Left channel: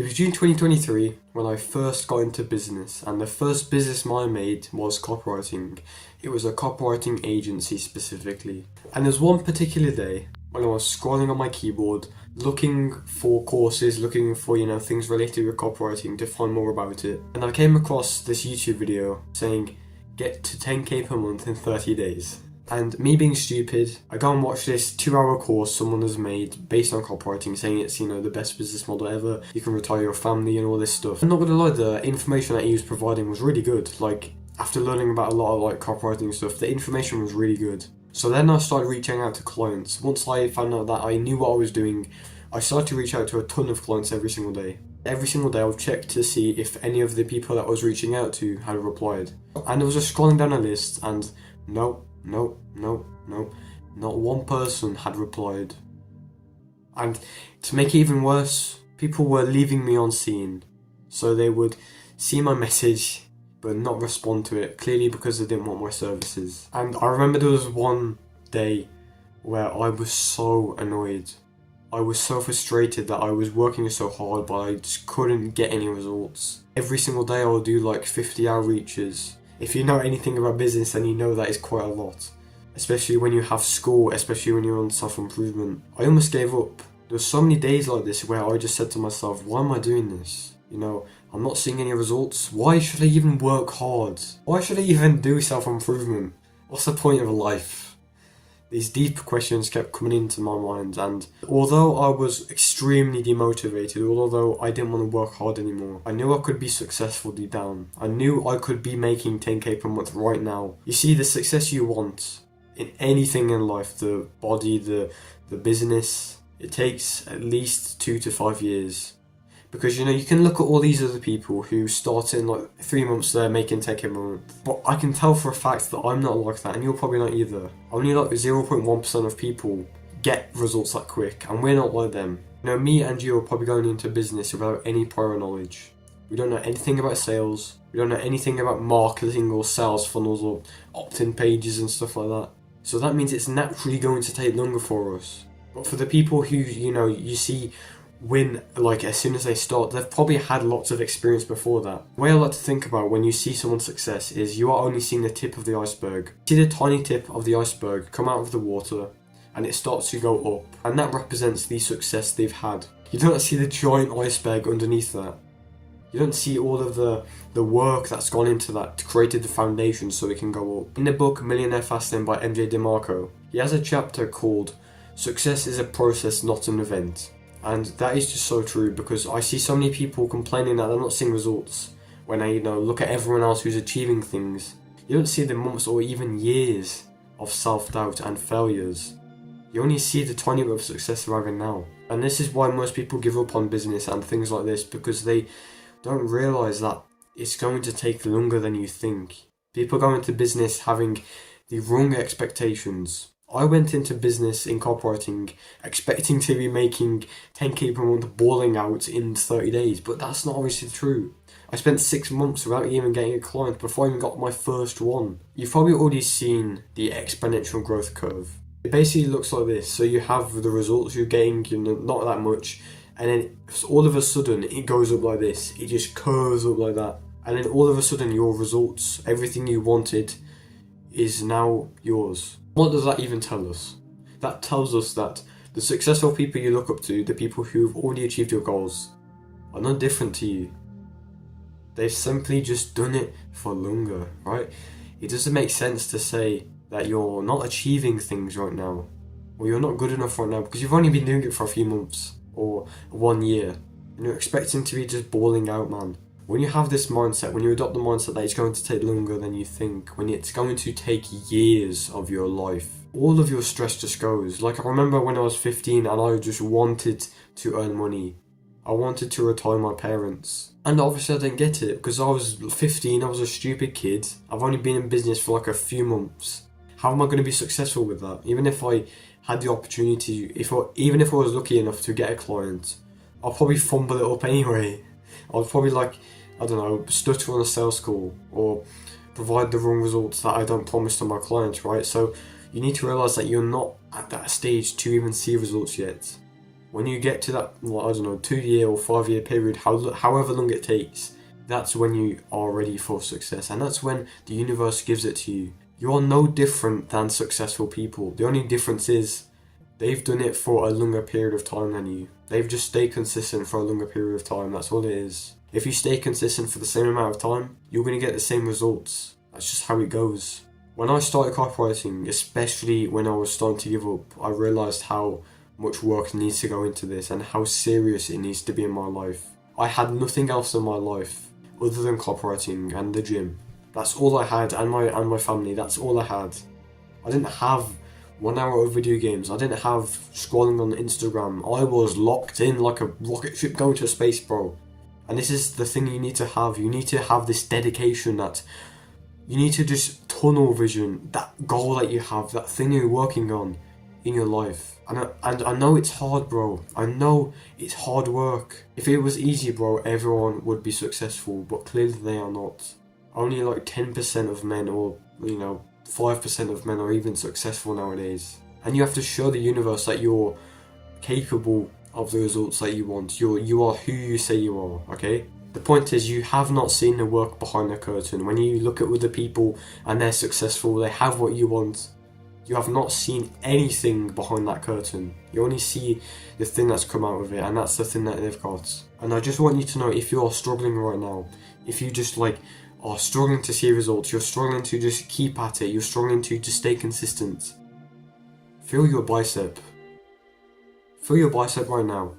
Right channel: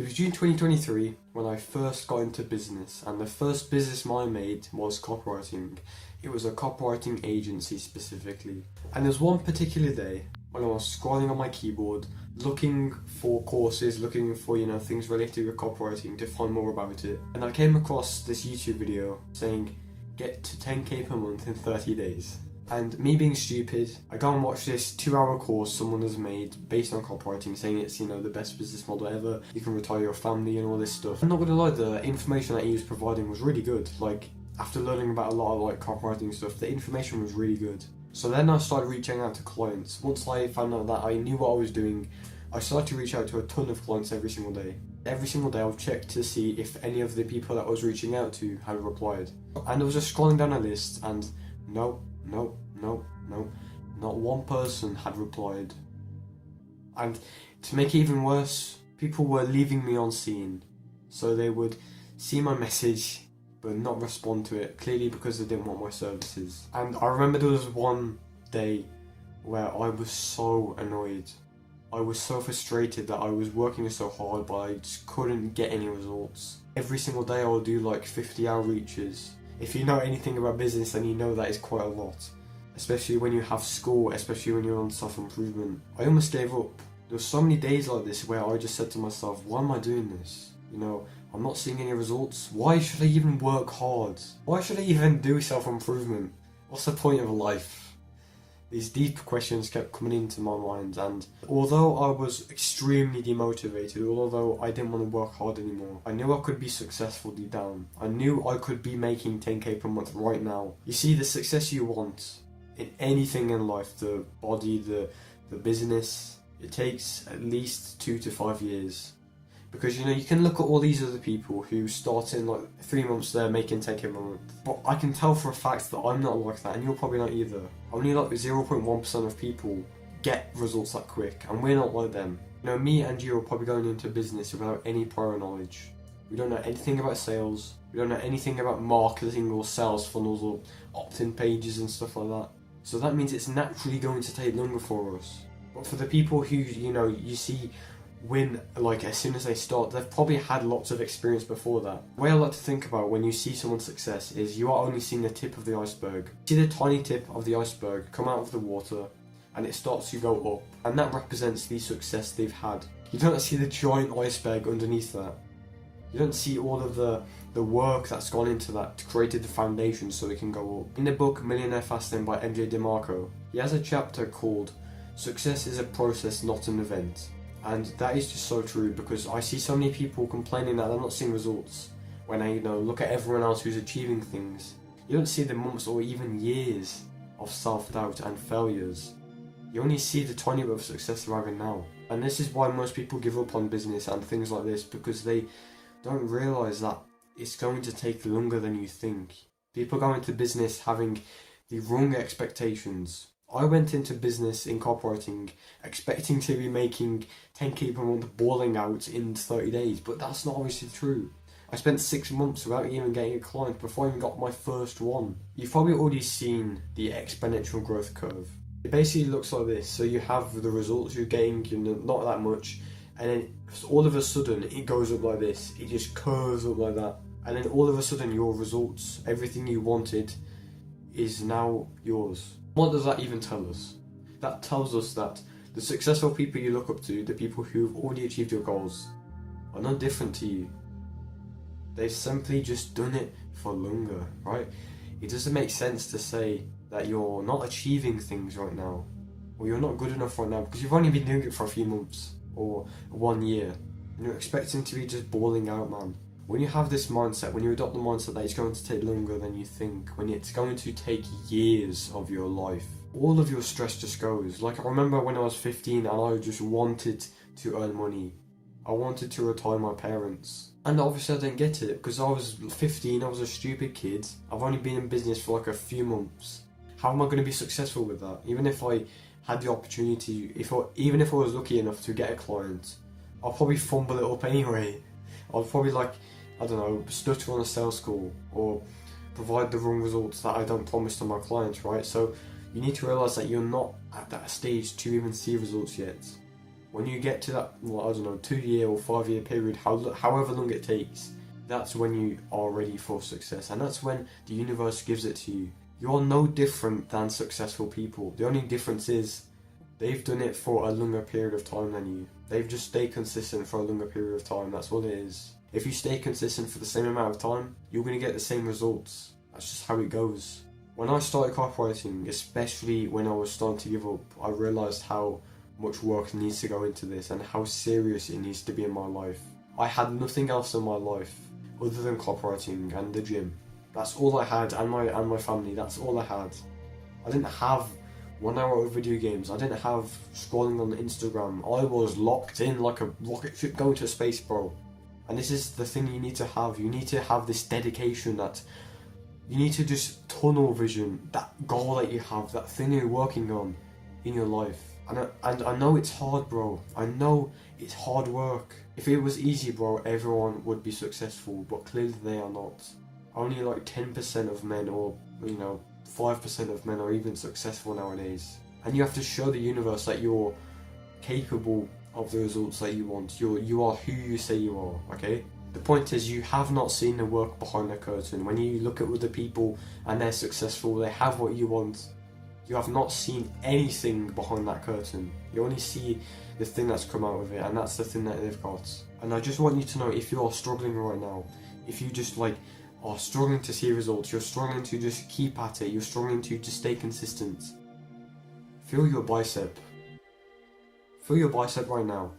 It was June 2023 when I first got into business, and the first business I made was copywriting. It was a copywriting agency specifically. And there was one particular day when I was scrolling on my keyboard, looking for courses, looking for, things related with copywriting to find more about it. And I came across this YouTube video saying, get to 10k per month in 30 days. And me being stupid, I go and watch this 2-hour course someone has made based on copywriting, saying it's, the best business model ever, you can retire your family and all this stuff. I'm not gonna lie, the information that he was providing was really good. Like, after learning about a lot of copywriting stuff, the information was really good. So then I started reaching out to clients. Once I found out that I knew what I was doing, I started to reach out to a ton of clients every single day. Every single day I would check to see if any of the people that I was reaching out to had replied. And I was just scrolling down a list and no, not one person had replied. And to make it even worse, people were leaving me on seen. So they would see my message but not respond to it, clearly because they didn't want my services. And I remember there was one day where I was so annoyed. I was so frustrated that I was working so hard but I just couldn't get any results. Every single day I would do 50 outreaches. If you know anything about business, then you know that is quite a lot. Especially when you have school, especially when you're on self-improvement. I almost gave up. There were so many days like this where I just said to myself, why am I doing this? I'm not seeing any results. Why should I even work hard? Why should I even do self-improvement? What's the point of life? These deep questions kept coming into my mind, and although I was extremely demotivated, although I didn't want to work hard anymore, I knew I could be successful deep down. I knew I could be making 10k per month right now. You see, the success you want in anything in life, the body, the business, it takes at least 2 to 5 years. Because you can look at all these other people who start in 3 months they're making 10k per month. But I can tell for a fact that I'm not like that, and you're probably not either. Only 0.1% of people get results that quick, and we're not like them. Me and you are probably going into business without any prior knowledge. We don't know anything about sales, we don't know anything about marketing or sales funnels or opt-in pages and stuff like that. So that means it's naturally going to take longer for us. But for the people who, you see win as soon as they start, they've probably had lots of experience before that. The way I like to think about when you see someone's success is you are only seeing the tip of the iceberg. You see the tiny tip of the iceberg come out of the water and it starts to go up, and that represents the success they've had. You don't see the giant iceberg underneath that. You don't see all of the work that's gone into that to create the foundation so it can go up. In the book Millionaire Fasting by MJ DeMarco, he has a chapter called Success is a Process, Not an Event. And that is just so true, because I see so many people complaining that they're not seeing results when I look at everyone else who's achieving things. You don't see the months or even years of self-doubt and failures. You only see the tiny bit of success they're having now. And this is why most people give up on business and things like this, because they don't realise that it's going to take longer than you think. People go into business having the wrong expectations. I went into business in copywriting expecting to be making 10k per month balling out in 30 days, but that's not obviously true. I spent 6 months without even getting a client before I even got my first one. You've probably already seen the exponential growth curve. It basically looks like this. So you have the results you're getting, not that much, and then all of a sudden it goes up like this. It just curves up like that. And then all of a sudden your results, everything you wanted, is now yours. What does that even tell us? That tells us that the successful people you look up to, the people who've already achieved your goals, are not different to you. They've simply just done it for longer, right? It doesn't make sense to say that you're not achieving things right now, or you're not good enough right now, because you've only been doing it for a few months, or 1 year, and you're expecting to be just balling out, man. When you have this mindset, when you adopt the mindset that it's going to take longer than you think, when it's going to take years of your life, all of your stress just goes. I remember when I was 15 and I just wanted to earn money. I wanted to retire my parents. And obviously I didn't get it because I was 15, I was a stupid kid. I've only been in business for a few months. How am I going to be successful with that? Even if I had the opportunity, even if I was lucky enough to get a client, I'll probably fumble it up anyway. I'll probably stutter on a sales call or provide the wrong results that I don't promise to my clients, right? So you need to realise that you're not at that stage to even see results yet. When you get to that, well, I don't know, 2-year or 5-year period, however long it takes, that's when you are ready for success, and that's when the universe gives it to you. You're no different than successful people. The only difference is they've done it for a longer period of time than you. They've just stayed consistent for a longer period of time. That's all it is. If you stay consistent for the same amount of time, you're going to get the same results. That's just how it goes. When I started copywriting, especially when I was starting to give up, I realised how much work needs to go into this and how serious it needs to be in my life. I had nothing else in my life other than copywriting and the gym. That's all I had, and my family. That's all I had. I didn't have 1 hour of video games. I didn't have scrolling on Instagram. I was locked in like a rocket ship going to space, bro. And this is the thing you need to have. You need to have this dedication, that you need to just tunnel vision, that goal that you have, that thing you're working on in your life. And I know it's hard, bro. I know it's hard work. If it was easy, bro, everyone would be successful, but clearly they are not. Only like 10% of men, or 5% of men are even successful nowadays. And you have to show the universe that you're capable of the results that you want. You are who you say you are, okay? The point is, you have not seen the work behind the curtain. When you look at other people and they're successful, they have what you want, you have not seen anything behind that curtain. You only see the thing that's come out of it, and that's the thing that they've got. And I just want you to know, if you are struggling right now, if you just are struggling to see results, you're struggling to just keep at it, you're struggling to just stay consistent, feel your bicep. Feel your bicep right now.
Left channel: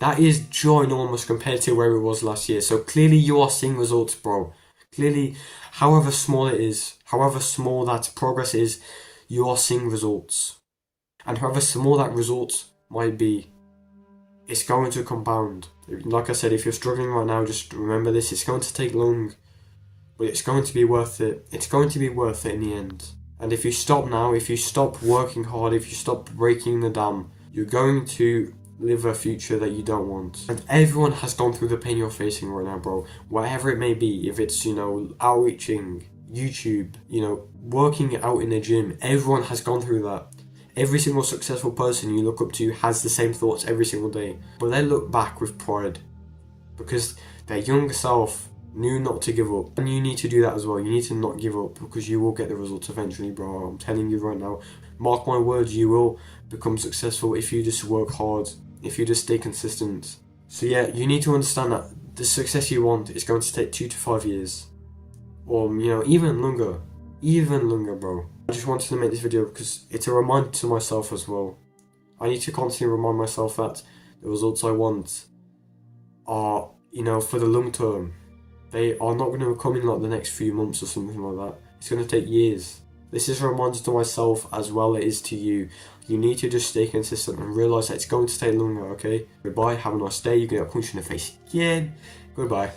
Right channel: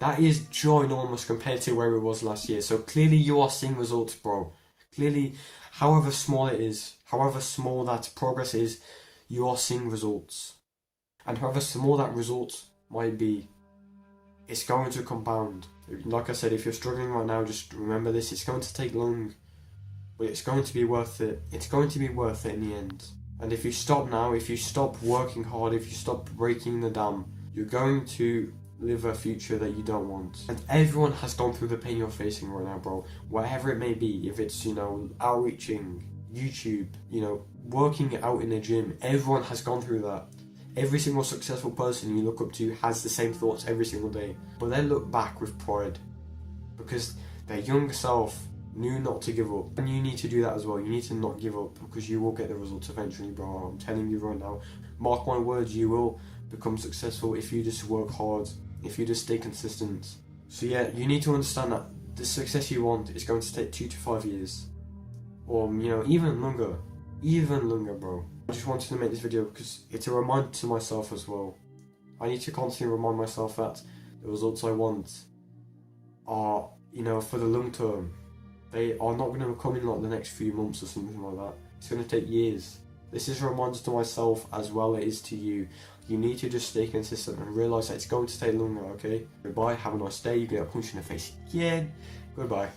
That is ginormous compared to where it was last year. So clearly you are seeing results, bro. Clearly, however small it is, however small that progress is, you are seeing results. And however small that result might be, it's going to compound. Like I said, if you're struggling right now, just remember this. It's going to take long, but it's going to be worth it. It's going to be worth it in the end. And if you stop now, if you stop working hard, if you stop breaking the dam, you're going to live a future that you don't want. And everyone has gone through the pain you're facing right now, bro. Whatever it may be, if it's, outreaching, YouTube, working out in the gym, everyone has gone through that. Every single successful person you look up to has the same thoughts every single day. But they look back with pride because their younger self knew not to give up. And you need to do that as well. You need to not give up, because you will get the results eventually, bro. I'm telling you right now. Mark my words, you will become successful if you just work hard, if you just stay consistent. So yeah, you need to understand that the success you want is going to take 2 to 5 years. Or, even longer, bro. I just wanted to make this video because it's a reminder to myself as well. I need to constantly remind myself that the results I want are, for the long term. They are not going to come in like the next few months or something like that. It's going to take years. This is a reminder to myself as well it is to you. You need to just stay consistent and realise that it's going to take longer, okay? Goodbye, have a nice day. You're going to get punched in the face again. Goodbye.